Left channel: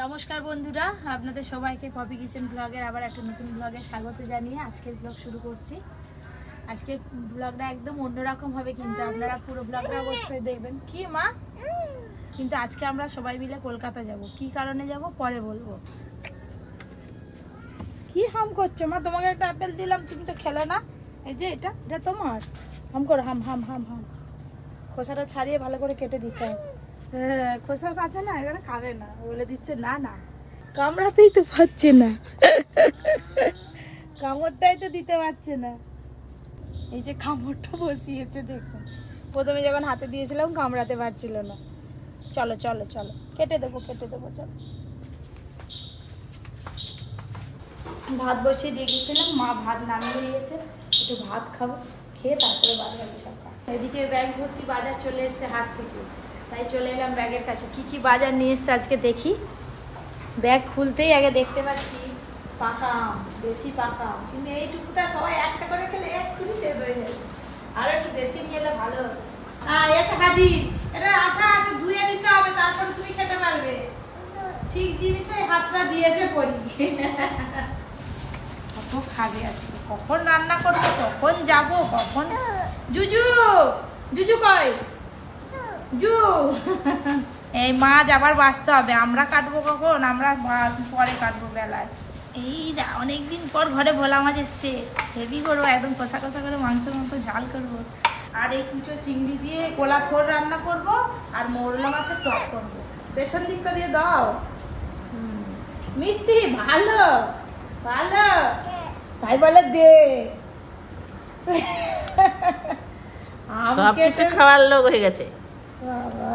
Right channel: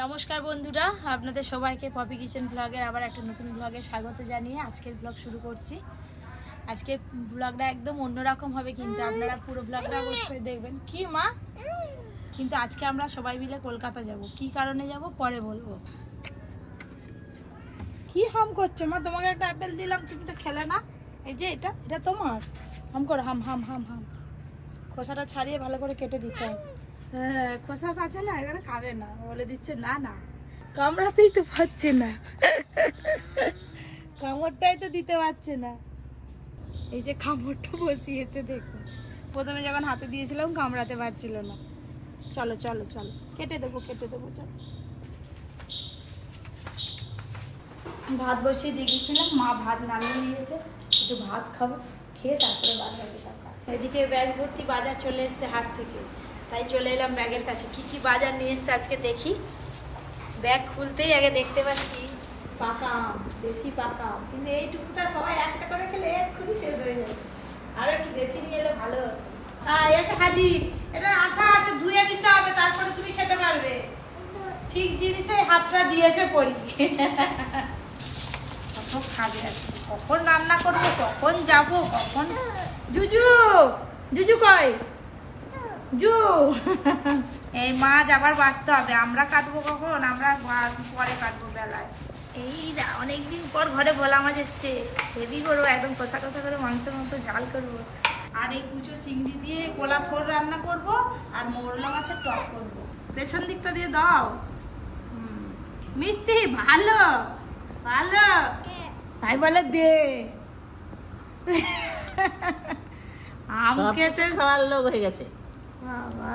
নমস্কার বন্ধুরা, আপনাদের সবাইকে পপি কিচেন ব্লগের আবার একটা নতুন ব্লগে স্বাগত জানিয়ে আজকের ব্লগ শুরু করছি। আজকে ব্লগটা একদম অন্যরকম হবে, কিন্তু আপনারা পুরো ব্লগটা অবশ্যই দেখবেন। কি মা? কিন্তু আজকে আমরা সবাই মিলে কলকাতা যাব। কি কারণে যাব পরে বলবো। কি হাম করছো মা? তোমাকে একটা আপেল দিলাম, তুমি তো খেলে না। এই যে এটা এটা তোমার। হাম করো, হাম হাম হাম হাম। খোসাটা ছাড়িয়ে ভালো করে কেটে দিতে হবে। হ্যাঁ, খোসা আছে না, এখানে খাবে না, বলে দিচ্ছে না না, কামড়াতেই তো পারছে না, কামড়টাই তো দিতে পারছে না। এই যে কামড়টা বসিয়েছে দেখুন, প্রথমে যখন হাতে দিয়েছিলাম কামড়াতে পারছিল না। চলো চলো চলো, কেটে দেবো চলো। ভাত বসিয়ে দিয়ে গেছিলাম, মা ভাত নামিয়ে দিয়েছে, একটু ভাত খাবো, খেয়ে তারপরে বাদ বাকি সব কাজ। এদিকে ব্যাগ ভর্তি বাজার চলে এসছে হাট থেকে, তাই চলে এলাম ব্যাগের কাছে। কি কি বাজার নিয়ে এসছে আজকে দেখি। ব্যাগ খুলতেই আগে দেখতে পাচ্ছি পাকা আম, বেশি পাকা আম, কিন্তু এইটুকুটা সবাই একটা করে খেলে এক্ষুনি শেষ হয়ে যাবে, আরো একটু বেশি নিয়ে এলে ভালো। এসে হাজির, এটা আঠা আছে, ধুয়ে নিতে হবে, তারপরে তুমি খেতে পারবে। ঠিক জিনিসে হাতটা দিয়েছে পড়ি। কত খাবে আজকে, কখন রান্না করবো, কখন যাব, কখন। জুজু জুজু কই জু? এই মাছ আবার বাঁচতে হবে, আমরা কাটবো কখন? আমরা পরে কাটবো বেলায়। এই অনেকদিন পর ঘরে ভোলা মাছ এসছে, হেভি করবো, একদম কষা কষা করে মাংসের মতো ঝাল করবো। আর এই কুচো চিংড়ি দিয়ে কোলা থোর রান্না করব, আর মৌরলা মাছের টক করবো। পেছন দিকটা দিয়ে দাও। মিষ্টি ভালো ভালো তাই বলে দে। সবকিছু খাওয়ার লোক হয়ে গেছে। বাবা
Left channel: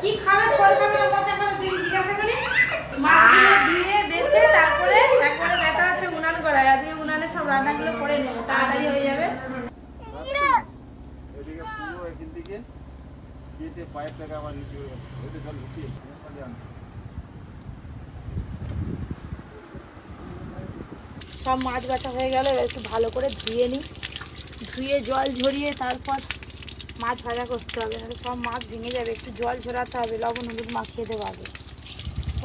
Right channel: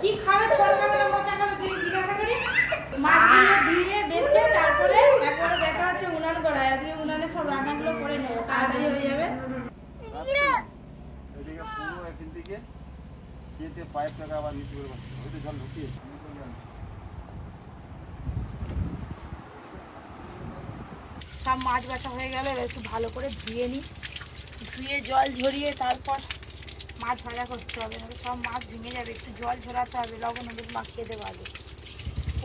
কি খাবে? ফল খাবে না মোচা খাবে? তুই জিজ্ঞাসা করি। মাছগুলো ধুয়ে বেছে তারপরে একবারে দেখা হচ্ছে উনান করায়। আজকে উনানে সব রান্নাগুলো করে নেবো, তাড়াতাড়ি হয়ে যাবে। সব মাছ বাছা হয়ে গেলে একটু ভালো করে ধুয়ে নিই, ধুয়ে জল ঝরিয়ে তারপর মাছ ভাজা করতে হবে, নাহলে সব মাছ ভেঙে যাবে। একটু জল ঝরাতে হবে, লবণ হলুদ মাখিয়ে দেবো আগে।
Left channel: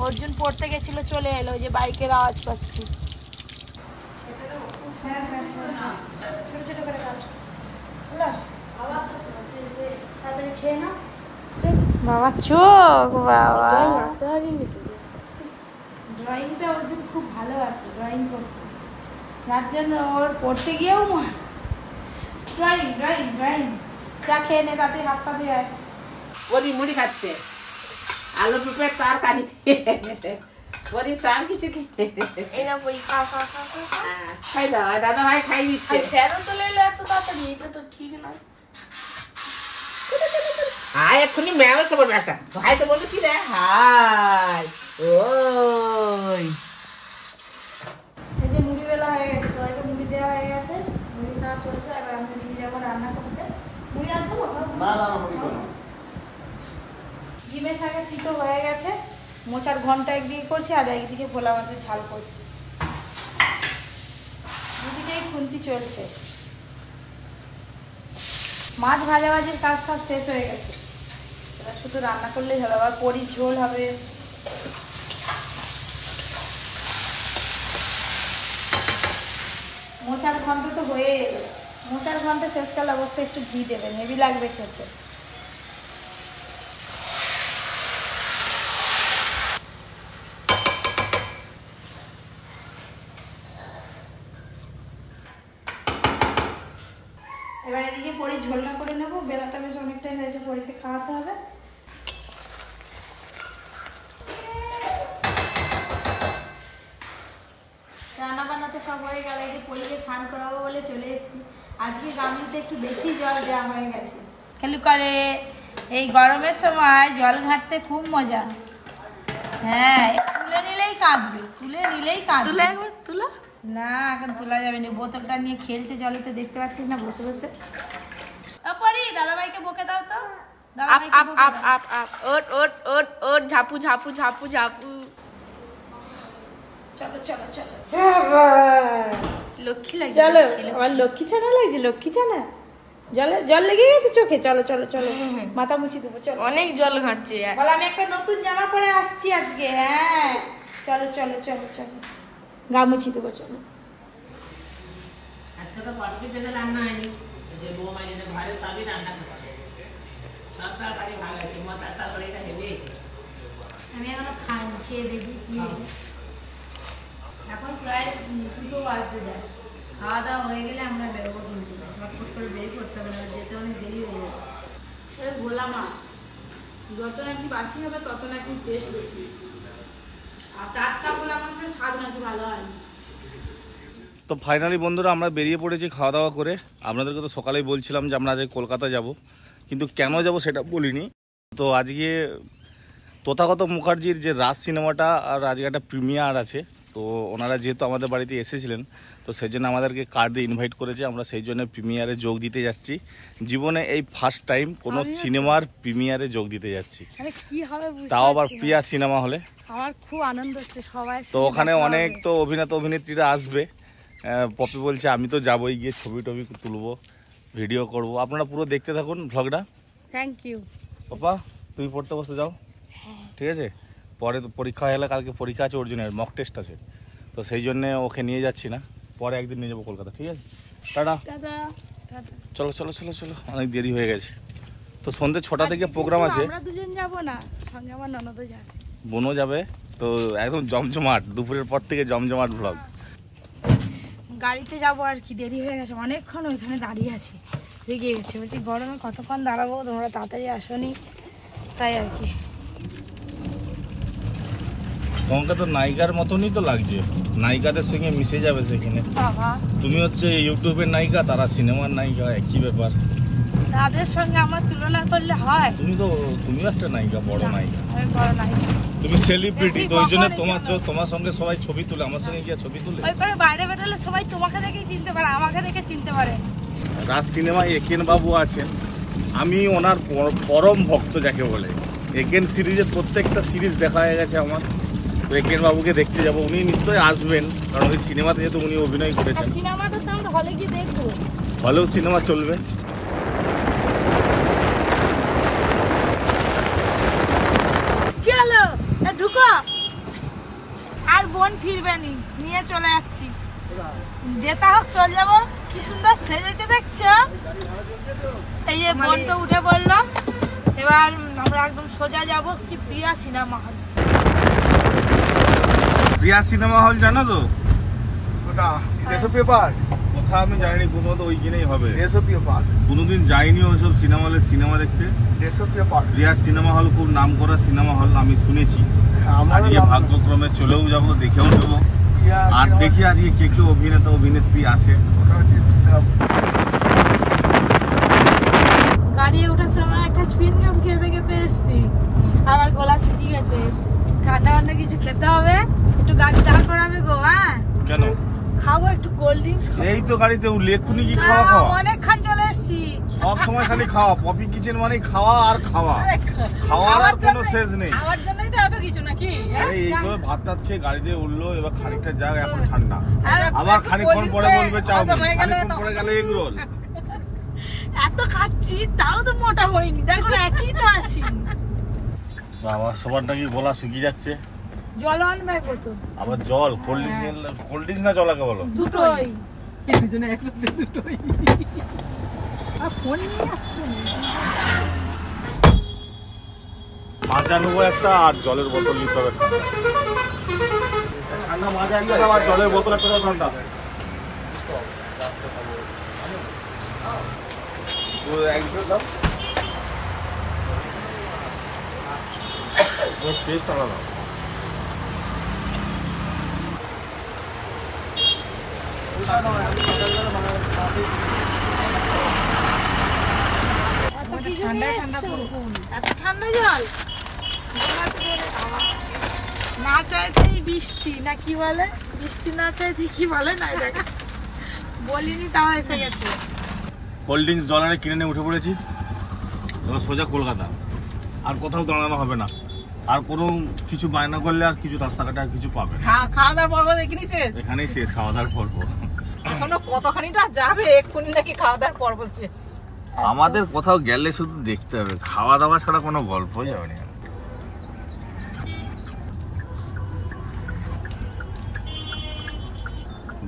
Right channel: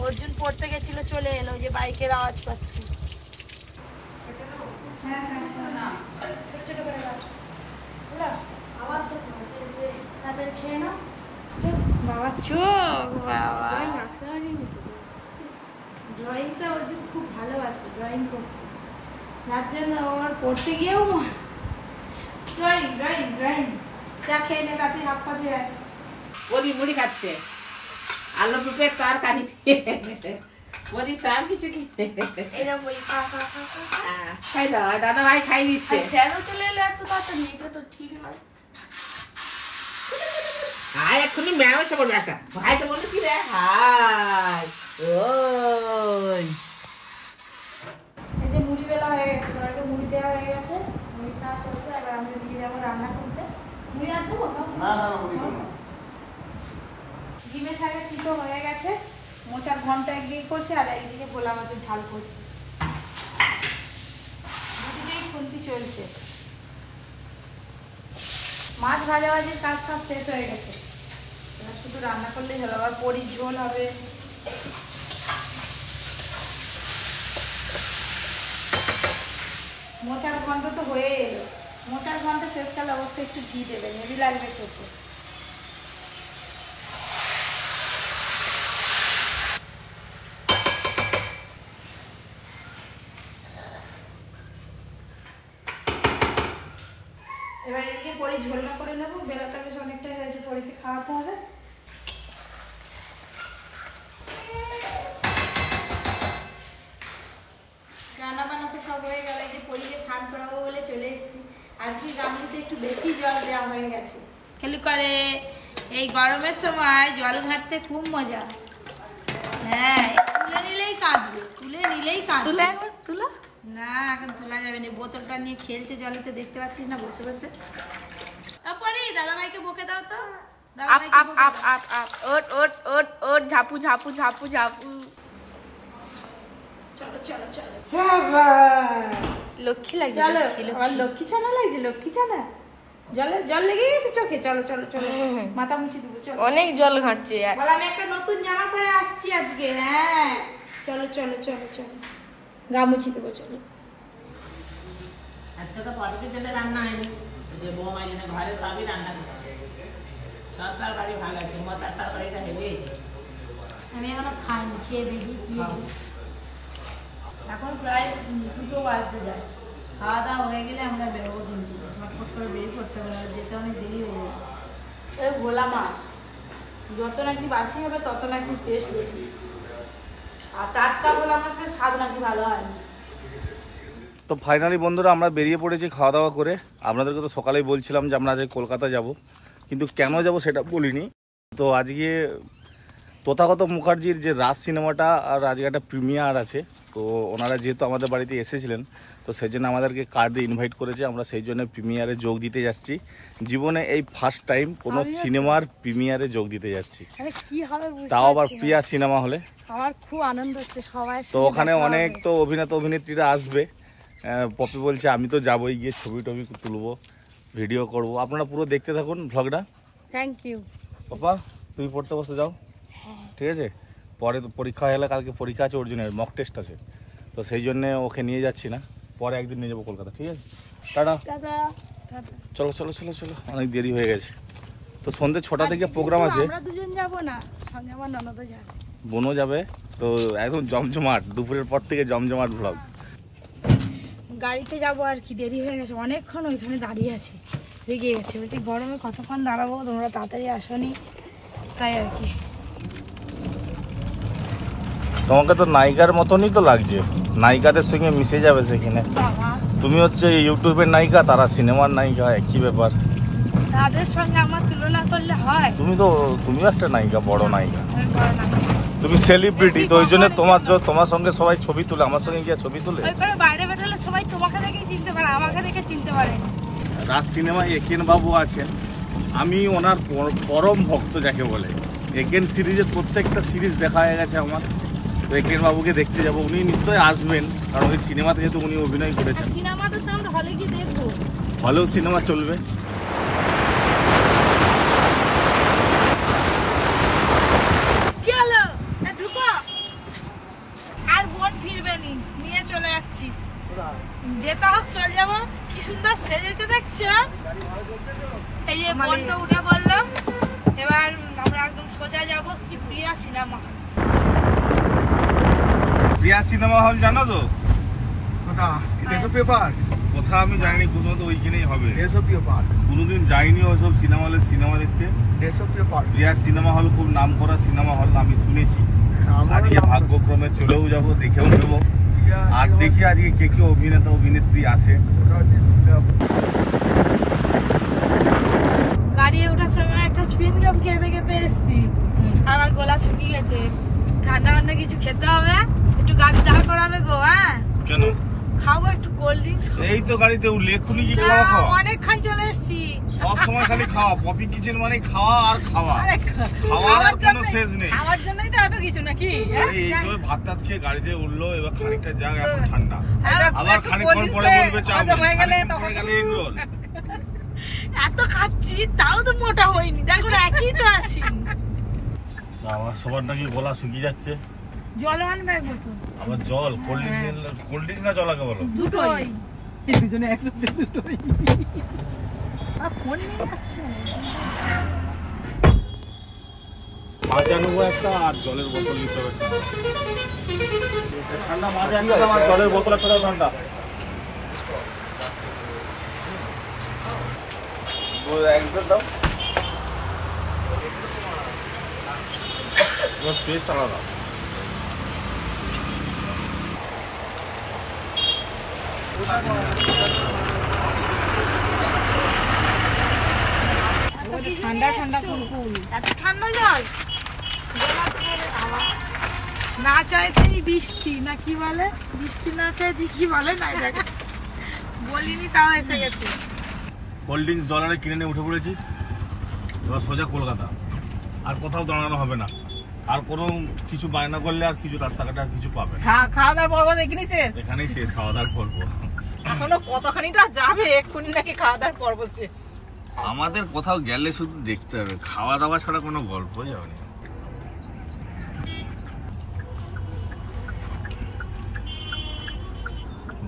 অর্জুন পড়তে গেছিল, চলে এলো, যে বাইকের আওয়াজ পাচ্ছি। খেয়ে নাও বাবা, চোখ বাবা। ড্রয়িংটা অর্জুন খুব ভালো আছে, ড্রয়িং করতে, যার জন্য ওর পড়তে গিয়েও ড্রয়িং ড্রয়িং ড্রয়িং। চা খেয়ে নে, তাতে হাত পা ধুয়ে আয়। ওরি মুড়ি খাচ্ছে, আলু পেঁপে তরকারি ওরি সব কিছু খাই দাও। দাদা ভাই খাই দিচ্ছে। চলে এলো এত তাড়াতাড়ি, এটা তো ঠিক না। হাই এক্ষুনি ম্যামের সবার ব্যাটা ভাই তো বলে কি রে? হাই ওই এই যে মুড়ি বেলা হয়ে গেছে, সবাইকে মুড়ি দেওয়া হয়ে গেছে, মুড়ি খাওয়া চলছে। এবার আমি দিকে যাবো রান্না করতে। মুড়ি আর দেবো? ডিমের শাকে তিতো হয়ে গেছে, মোচার ঘন্টা একদিকে করছি আর একদিকে খোলা মাছের ঝাল করছি। দুদিকেই খুন্তি চলছে। মাছ ভাজাভাজির কাজ সব শেষ হয়ে গেছে, এবার শুধু রান্না করলেই হলো। আবার বড়ি ঝোল হবে। মোচার ঘন্ট তো হয়ে এলো, মোচার ঘন্ট শেষকালে অবশ্যই একটু ঘি দেবে, হেভি লাগবে খেতে। এবার এদিকে পরে ঝোলনা করে নেবো, বেলাটা বেশ অনেকটাই হয়েছে, পরিতে খাওয়াতে হবে। রান্না বান্নাতে সব হয়ে গেল, এই যে পরিকে স্নান করাবো বলে চলে এসেছি। আজকে গামলিতে একটু বেশি জল দেওয়া হয়ে গেছে। খেলু করে এই গরমের সময় জল ঘাটতে খুব মজা। হ্যাঁ, তুলে নিলেই কাঁদবে, তুলে নিলেই কাঁদবে। তুলে একবার তুলো না, এখন তোলা যাবে না। বোতলটা নিয়ে খেলছে জলেতে, দেখতে পাচ্ছিস না বসে বসে। দাদাভাইকে বকে দাও তো। ঝাপু ঝাপু ঝাপু ঝাপু। চলো চলো চলো, লক্ষ্মী লাগছে, চলো। আমার লক্ষ্মী ছানা লাগছে, লক্ষ্মী ছানা। জল লেগে গেছে চোখে? চলো চলো চলো, মাথা মুছি দেবো। চলো, অনেক জল ঘাটছে। বলো আমি একটা নতুন জামা পরে আসছি আজকে। হ্যাঁ চলো চলো চলো চলো, গা মুছি দেবো। চলো, আজকে তো পটকের জন্য রান্না হয়নি, যে বৌমার জন্য ঘরে সবই রান্না করছে। সব তরকারি ভালো আছে, মশার তরকারিটা হেভি। আমি এখনো খাইনি, খেয়ে দেখি কি হয়েছে। এখন প্রায় 2টো বাজতে যায়। খাওয়া দাওয়া হয়ে গেলে আমরা বেরোবো কিন্তু ফটফট করে দেরি করতে হবে, না যেতে অনেক দেরি হয়ে যাবে। ভোলা মাছ যত নাকি বাসি হবে তত নাকি টেস্ট বেশি, আর টাটকা ভোলা মাছের স্বাদ নাকি ভালো হয়। তো ফাইনালি বন্ধুরা আমরা বেরিয়ে পড়েছি খাওয়া দাওয়া করে। আপনাদেরকে তো সকালেই বলছিলাম যে আমরা আজকে কলকাতা যাব, কিন্তু কেন যাব সেটা বলিনি। তো আজকে তথাগত মুখার্জির যে রাজ সিনেমাটা আর আজকে একটা প্রিমিয়ার আছে, তো ওনারা যেহেতু আমাদের বাড়িতে এসেছিলেন তো সেই জন্য আমাদেরকে কার্ড দিয়ে ইনভাইট করেছে। আমরা সেই জন্য প্রিমিয়ারে যোগ দিতে যাচ্ছি। জীবনে এই ফার্স্ট টাইম কোনো সিনেমার প্রিমিয়ারে যোগ দিতে যাচ্ছি, তাও আবার প্রিয়া সিনেমা হলে। আমার খুব আনন্দ হচ্ছে সবাই। তো ওখানে অনেক তো অভিনেতা অভিনেত্রীরা আসবে। পপি বলছে আমি তো যাবোই, গিয়ে ছবি টবি তুলবো, ভিডিও করব। আপনারা পুরো দেখতে থাকুন ভ্লগটা। Thank you. পাপা তুমি পড়তে বসে যাও, ঠিক আছে? পরে তো পরীক্ষা হয়ে গেলে, কালকে পরীক্ষা আছে অর্জুনের, মক টেস্ট আছে, তো সেই জন্যে ওকে নিয়ে যাচ্ছি না, পরে একদিন নিয়ে যাবো কলকাতা, ঠিক আছে? টাটা। চলো চলো চলো চলো, অনেক দেরি হয়ে গেছে। তো সন্ধ্যে 6টা থেকে প্রোগ্রাম আছে। আমরা দুজন যাব না, সঙ্গে আমার ননদও যাবে, বোনও যাবে। তো একদম জমজমাট, দুপুরের পর থেকে জমজমাট ভ্লগ। গাড়িতে যাবো আর কি, দেরি হয়ে গেছে অনেকক্ষণ, ওইখানে দাঁড়িয়ে আছি, লেগে গেছে। বলছি গরমে কতক্ষণ দাঁড়াবো, তোমরা তাড়াতাড়ি আসনি, তাই আর কি। তোমাকে তো নায়িকার মতনই তো লাগছে, নায়িকাদের সঙ্গে মিশে যাবে সেখানে। তুমি হচ্ছে ইউটিউবের নায়িকা, তারা সিনেমার নায়িকা, একই ব্যাপার। তাদের সঙ্গে আমার তুলনা করলে হয়? তুমিও একটা নায়িকা, বড় নায়িকা, বড় নায়িকা। তুমি সেলিব্রিটি, তো ওই জন্য তোমার সঙ্গে সবাই ছবি তুলে, আমার সঙ্গে গিয়ে ছবি তুলে। ওই করে বাইরে বেরোলে সবাই তোমাকে দেখেই চিনতে পারে, আমাকে দেখে চিনতে পারে। রাজ সিনেমায় একেন বাবু আছেন, আমি ওনার পরম ভক্ত যাকে বলে। একেন সিরিজের প্রত্যেকটা সিরিজ দেখা হয়ে গেছে আমার। তো একেন বাবুকে দেখতে যাবো, উনি নিশ্চয়ই আসবেন, কারণ ওই সিনেমাতে যেহেতু উনি অভিনয় করেছেন। সিনেমাটা তো আমরা হলে গিয়ে দেখবো, হলেও সিনেমা চলবে। কি হলো ঢুকো, আর বোন ফিরবে নি, নিয়ে চলে যাচ্ছি। যেটা হোক চলে যাবো। কি সুন্দর সেজেছে দেখছো, এই যে বোন তো উঠে বললো। এবার আমরা একদম সোজা যাব কি প্রিয়া সিনেমা হল। প্রিয়া সিনেমা হল জানো তো? পেপার কোথা আমি জানি, কোথাও তো ওইখানেই হবে। পেপার কোনোদিন যাইনি ওইসব সিনেমা হলে সিনেমা দেখতে। প্রিয়া সিনেমা হল খুব নাম করা সিনেমা হল, আমি শুনেছি। আজকে ভাগ্যক্রমে চলেও যাব, দেখেও নেবো। আর দেখি আজকে কে কে অভিনেতা অভিনেত্রী আসে। গাড়ি ওঠার সময় একটা চুইং গাম খেতে খেতে এসছি, আমার গলা শুকিয়ে গেছে। ঠান্ডা ঠান্ডা কিছু খেতে হবে, একটু গাড়ি দাঁড় করাবে গো। হ্যাঁ কেন? খাবো একটু কোল্ড ড্রিঙ্কস। এই তো গাড়িতে উঠলে এক্ষুনি কি খাওয়া খাওয়া? অনেকক্ষণ চলে এসছি, সব সময় খালি খাওয়া। পপি কিচেন মানে খাওয়া আর খাওয়া, খাওয়ার আর কোনো শেষ নেই। খাওয়ার জন্যই তো এত কিছু নাকি। এই সময় ভাত টাত খেয়ে গাড়িতে উঠলো, এবার খানিকটা যাক, এখন ঠান্ডা, আবার খানিকক্ষণ পরে বলবে চাউমিন, খানিকক্ষণ পরে গেলে এগ রোল। এত খাচ্ছি তাও তো মোটা হয়নি, দেখো একই তো আছি। আমার সবার নাকি গলা শুকিয়ে যাচ্ছে। জল আনবে এক বোতল। আবার জল? কোল্ড ড্রিঙ্কস না জল আগে বলো? দুটোই, দুজনে একসাথে দুটোই। ফোন নিয়ে যাচ্ছ? মাজা নেবো একটা, আর জলের বোতল নিতে হবে ঠান্ডা। মাজা একটা আর জলের বোতল একটা ঠান্ডা। একবার দাও, টেস্ট আলাদা। ঠান্ডা ঠান্ডা এত ঠান্ডা জল না চাইতেই বৃষ্টি না কি বলে, বৃষ্টি না চাইতে কি বলে না, দেখা বলিনি তাও এসে গেছে। কোল্ড ড্রিঙ্কস জল এনে কিনে নিয়ে উঠে পড়েছি, এবার সোজা কলকাতা। আর কোথাও দাঁড়ানো হবে না, আর কোনো কিছু বায়না করলে আর কিছু রাস্তাঘাটে আর কিছু পাবে। খাওয়া দাওয়ার পর্ব এখানেই শেষ? এখানেই শেষ খাওয়া দাওয়ার পর্ব। এখনো কতখানিটা যাবে, এক্ষুনি নাকি খাওয়া দাওয়ার পর্ব শেষ। আমাদের কোথাও গেলে শুধু দেখতে হবে, খাওয়া দাওয়া ছাড়া কোনো গল্পই হবে না।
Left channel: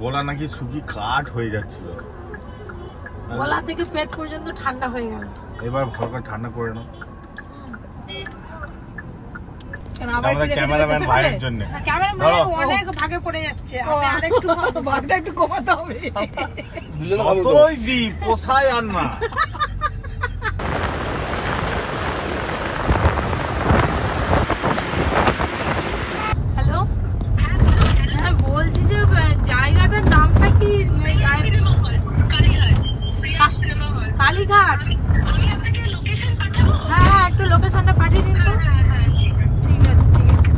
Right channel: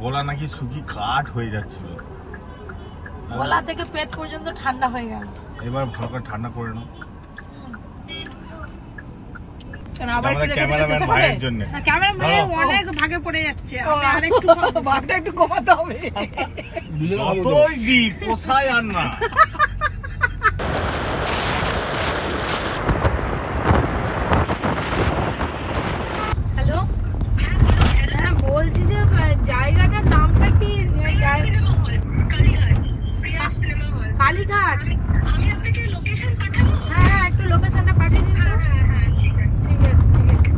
গলা নাকি শুকি কাঠ হয়ে যাচ্ছিল, গলা থেকে পেট পর্যন্ত ঠান্ডা হয়ে গেল। এবার ভালো করে ঠান্ডা করে নাও। ক্যামেরাম্যান ভাইয়ের জন্য, ক্যামেরাম্যান অনেক ভাগে পড়ে যাচ্ছে, আমি আরেকটু ভাগটা একটু কমাতে হবে। যতই দি পোষায় আর না। হ্যালো, হ্যাঁ বলছি যে জায়গাটার নামটা কি? কালীঘাট। হ্যাঁ একটু লোকেশনটা পাঠিয়ে দিন তো। ঠিক আছে ঠিক আছে।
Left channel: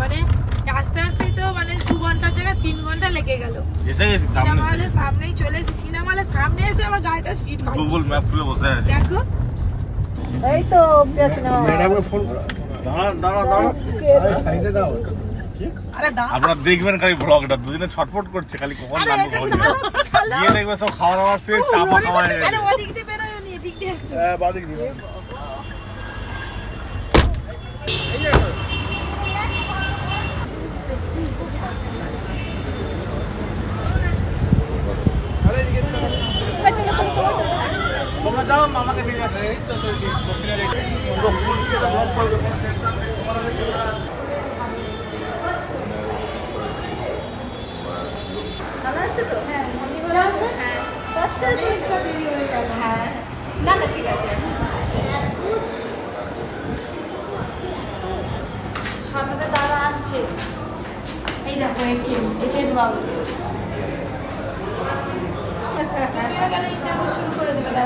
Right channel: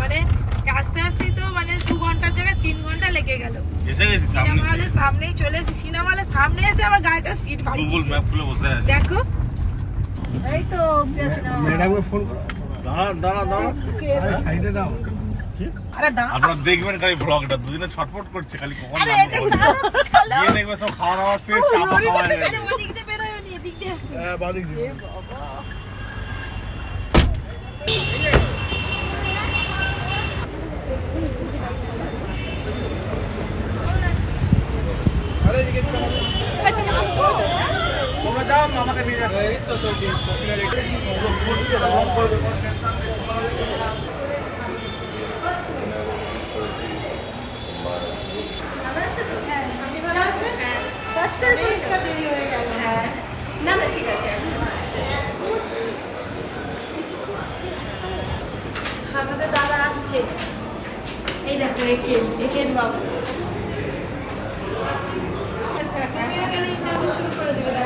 মানে আস্তে আস্তেই তো মানে 2 ঘন্টার জায়গায় 3 ঘন্টা লেগে গেল। সিনেমা হলের সামনেই চলে এসেছি, সিনেমা হলের সামনে এসে আমার গাড়িটা স্পিড বাড়িয়ে গুগল ম্যাপ খুলে বসে আছে। দেখো এই তো সিনেমা ম্যাডামকে ফোন করো। দাঁড়া সাইডে দাও। আপনারা দেখবেন খালি ব্লগটা, দুজনে ছটফট করছে খালি কখন আরে নামবো এটা বলে। গিয়ে দেখবে সব খাওয়া দাওয়া শেষ, চাপা খাওয়া হয়ে আরে গেছে। ওদিক দিয়ে বেরোয় নি, এদিক দিয়ে আসো। হ্যাঁ বাদিক দিন। তোমরা যাও, আমাকে নিয়ে যাচ্ছে। আমাদের দাদা আসছে, এই দেখো একেন বাবু। ইন্টারভিউ শুরু করে দেবে।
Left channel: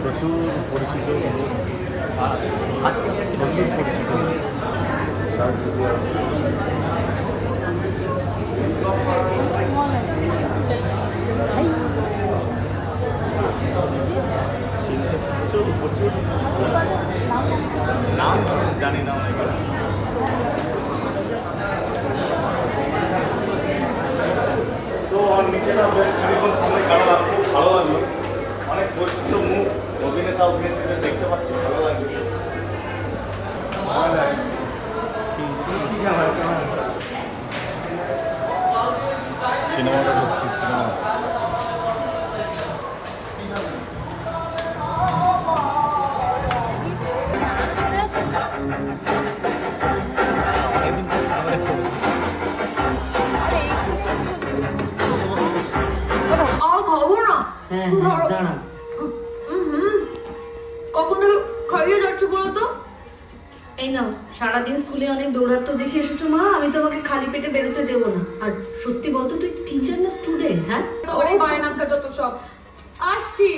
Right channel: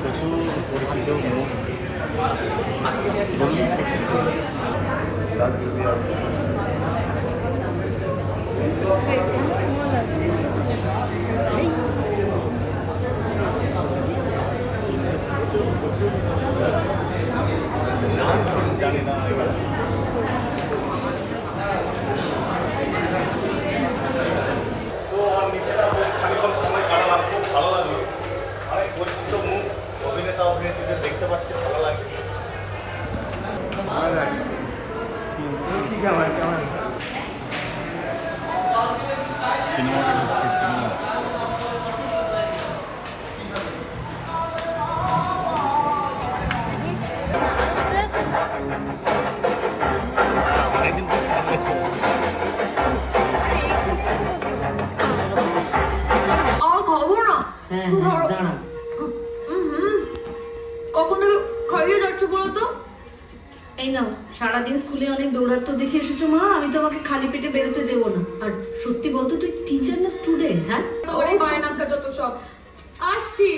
প্রচুর পরিচিত নাম জানি না। তো নিচেটা বেশ খানিক্ষণ সময় কাটালাম, খুব ভালো লাগলো। অনেক পরিচিত মুখ, অভিনেতা অভিনেত্রীদের দেখতে পাচ্ছি, ভালো লাগছে। সিনেমাটা হচ্ছে সিনেমা। অনেকদিন পর সামনে আর খাবো না। হ্যাঁ দাঁড়া। কখন থেকে খাইয়ে যাচ্ছ বলো তো? এই নাও, সারাদিন স্কুলে অনেক দৌড়াত্ম দেখে এসেছো মা, আমি তোমাকে খালি পেটে বেরোতে দেবো না। আর সত্যি বলতো, তুই টিচার না স্টুডেন্ট? হ্যাঁ ওরে বায়নাকা যত সব। আসছি।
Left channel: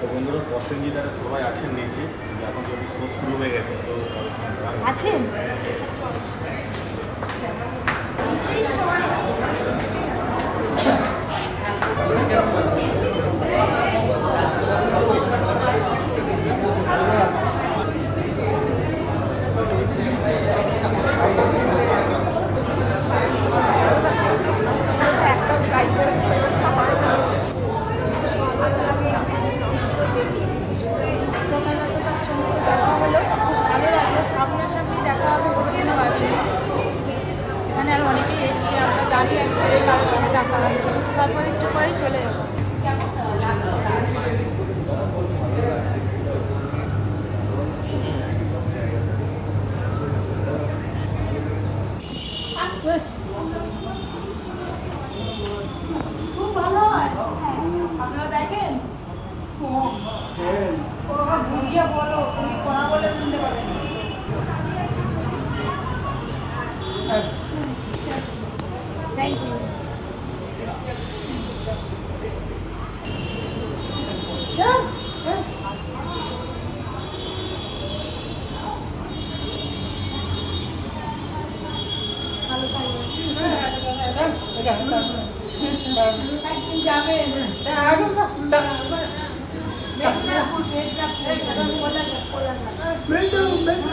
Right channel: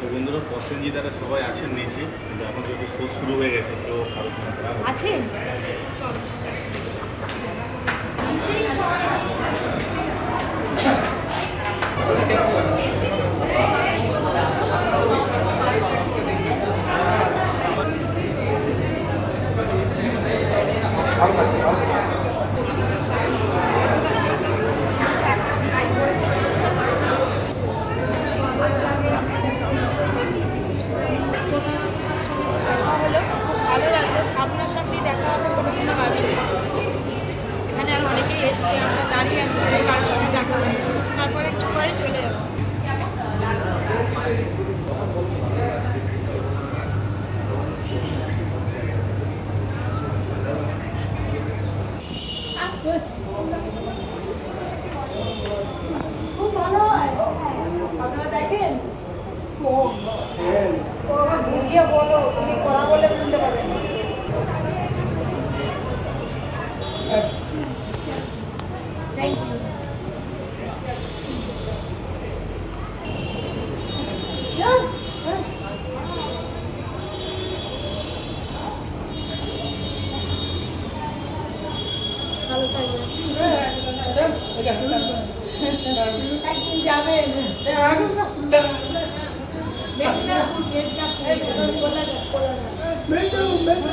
তো বন্ধুরা, প্রসেনজিৎ সবাই আছেন নিচে, কিন্তু এখন যদি শো শুরু হয়ে গেছে তো কারোর সঙ্গে দেখা হবে। আছেন নিচেই সবাই আছে। সামনাসামনি দেখা হবে কোনোদিনও বাকি। এখানে আর অনেকেই এসছে, আমরা দাঁড়িয়ে আছি, তারপরে দেখা হবে, তারপরে একটু পরে চলে যাবো। খুব ভালো হয়, আপনারা দেখেন। বুঝিয়ে বলো, তুমি কথা বলে শুনতে পাবেন। Thank you. একদিন যাবেন মেদিনীপুর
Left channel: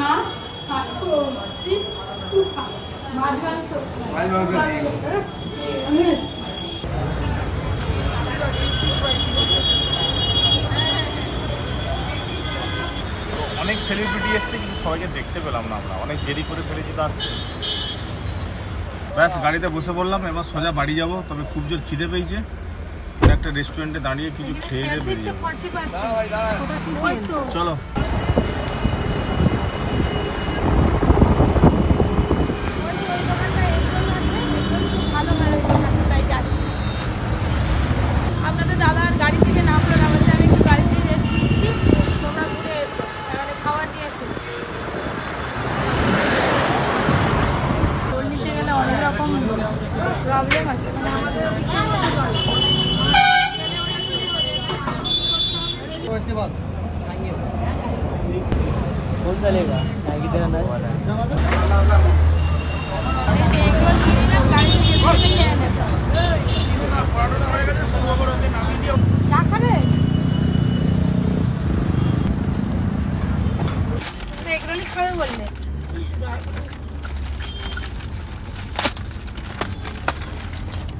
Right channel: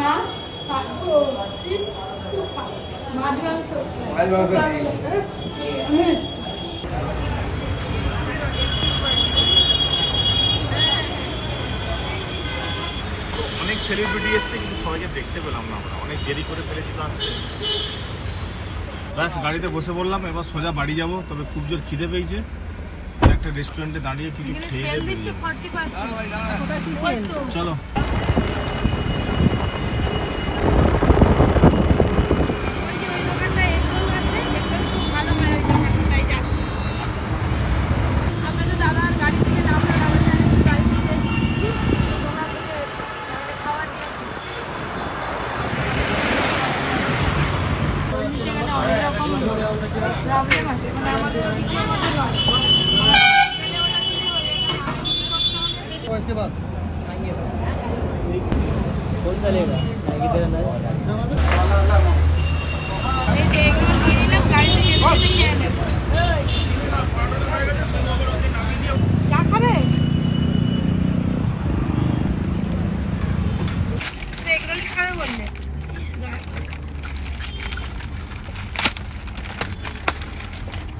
মা মাছ মাংস অনেক সেলিব্রিটি এসছে কিন্তু সবাইকে দেখতে পেলাম না আমরা, অনেক দেরি করে ফেলেছে তো আসতে। ব্যাস গাড়িতে বসে পড়লাম, এবার সোজা বাড়ি যাব। তবে খুব জোর খিদে পেয়েছে, একটা রেস্টুরেন্টে দাঁড়িয়ে কিছু খেয়ে নেবে। চলো প্রবলেম আছে মানে আমাদের कौन सा लेगा मैगी तेरा नहीं গাড়িতে যেতে যেতে খেয়ে নেব। চা খাবে? এগরোলি খাবে বললে?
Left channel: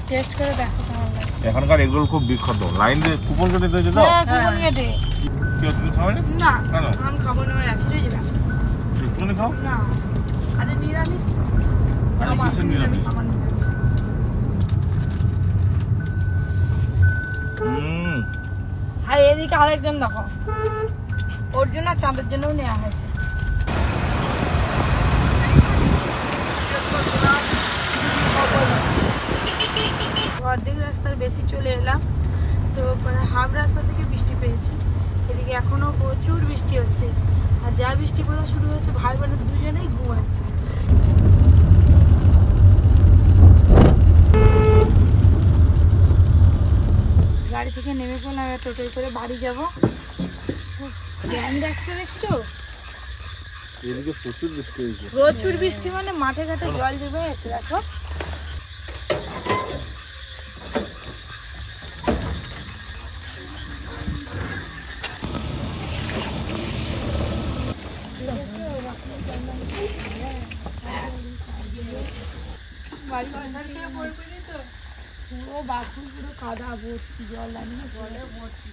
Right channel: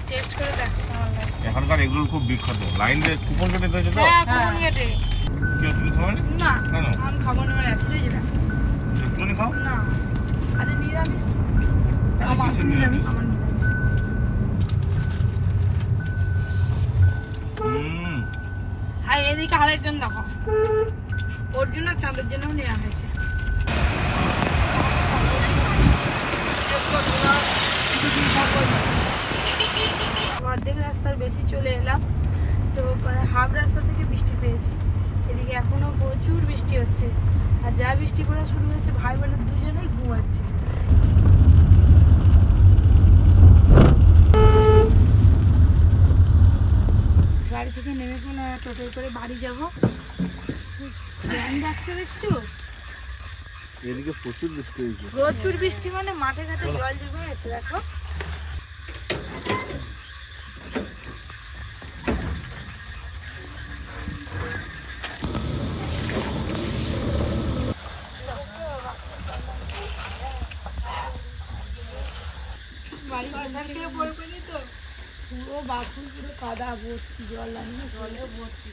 টেস্ট করে দেখো কেমন লাগে। এখানকার এগুলো খুব বিখ্যাত। লাইন দিয়ে কুপন কেটে দিয়েছে তো? হ্যাঁ কুপন কেটে। তুমি খাবে না? না কেন? আমি খাবো না, আমার অ্যাসিড হয়ে যাবে। একটুখানি খাও। না আরে নিরামিষ তো। কিসের নিরামিষ? আমার নিরামিষ। আর এদিকে আরেকজন দেখো, ওর জন্য চাঁদের জন্যও নেওয়া হয়েছে। অর্ধেক রাস্তার বেশি চলে এলাম, তো পরে হাফ রাস্তা থেকে বৃষ্টি পেয়েছি। এদিকে এখনো প্রচুর বৃষ্টি হচ্ছে, আর যা বৃষ্টি পড়া শুরু হয়েছে ভাই বোনের দুজনেই ঘুমাচ্ছে। গাড়ি থেকে নেমে পড়লাম, টোটোয় করে বাড়ি যাবো। দেখছো এদিকে প্রচুর বৃষ্টি হয়েছে। প্রচুর বৃষ্টি মানে মাঠে ঘাটে জল জমে গেছে দেখো। পুরো বাথরুম পুরো কাদা ভর্তি, জল আনিয়ে জলে ভর্তি।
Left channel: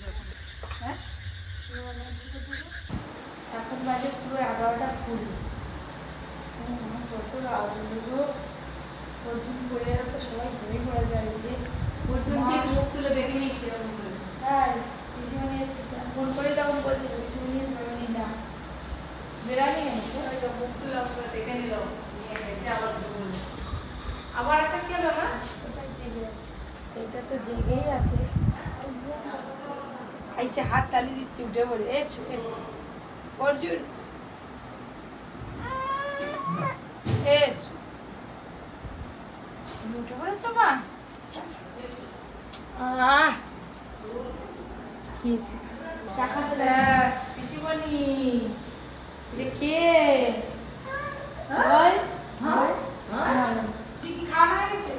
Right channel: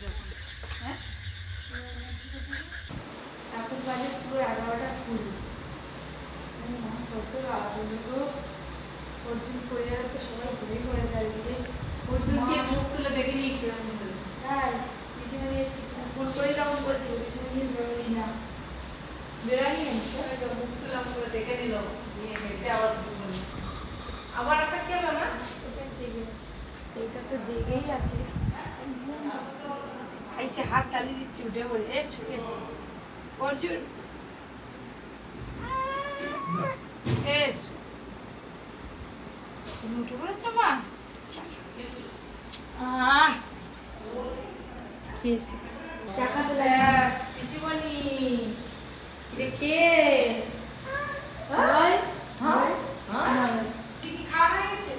হ্যাঁ এখন বাজে পুরো 11:20। প্রচুর আগুন অর্জুন করে তো সবাই ঘুরে ঘুরে যায়। অর্জুনকে মুখ তুলে দেখে নিয়েছে। হ্যাঁ পিছনে ফোন করে তখন বলছিল পিছনে নিয়ে ছবি না বেড়ানি এনেছে, মুখ তুলে করে দেখে নিল, নিয়ে গেছে। আবার একটা কি হলো না, এটা তো জেগেই আছে। আইসে হাত তালি দিচ্ছে, উঠে বলে অর্জুন উঠে পড়েছো মা। চা খাতে কিছু বলি কে কি খাওয়া হয়ে গেছে?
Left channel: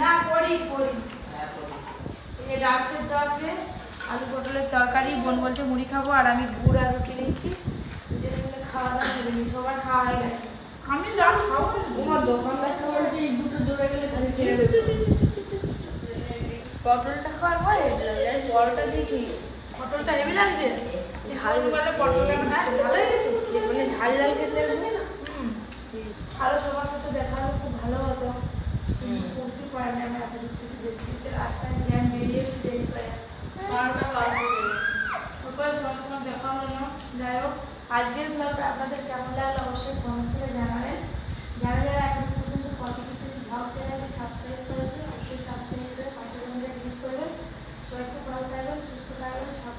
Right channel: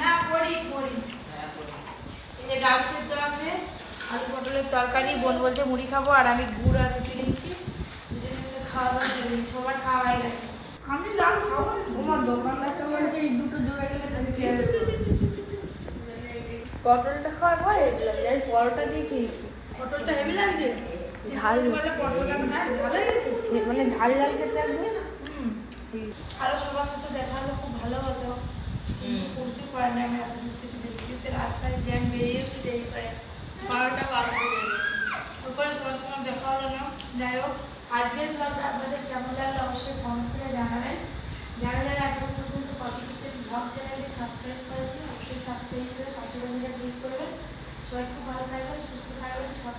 না পড়ি এই ডাল সেদ্ধ আছে, আলু পটলের তরকারি, বোন বলছে মুড়ি খাবো, আর আমি গুড় আর রুটি নিয়েছি। দুজনে মিলে খাওয়া দাওয়া করে নি, সবার খাওয়া হয়ে গেছে। আমি ডাল খাবো, তোমার দোকানদারটা বলছে এই দুটো জোড়া গেলে তুমি খেয়ে নেবে। পটলটা খাওয়া পটলটা দেখি, পটলটা হেভি লাগছে। ঝাল বলে পটলটা ভালো হয়েছে, মানে ঝাল ঝাল খেতে লাগবে না। আরো সবার সাথে দেখা হলে খুব ভালো হতো, করতে পারে না। আমি এত দূর থেকে দেখতে দেখতে রাস্তায় জ্যাম বেরিয়ে যাচ্ছি, দেরি প্রায় 12টা বাজবে। তারপরে সবার সঙ্গে দেখা হলো না। যাই হোক, আজকের ব্লগটা আপনাদের কেমন লাগলো অবশ্যই কমেন্ট করে জানাবেন। যারা যারা এখন পর্যন্ত কপি কিচেন ব্লগ চ্যানেলটি সাবস্ক্রাইব করেন, অবশ্যই সাবস্ক্রাইব করে পাশে ক্লিক করবেন। সবাই খুব ভালো থাকবেন, সুস্থ থাকবেন, সব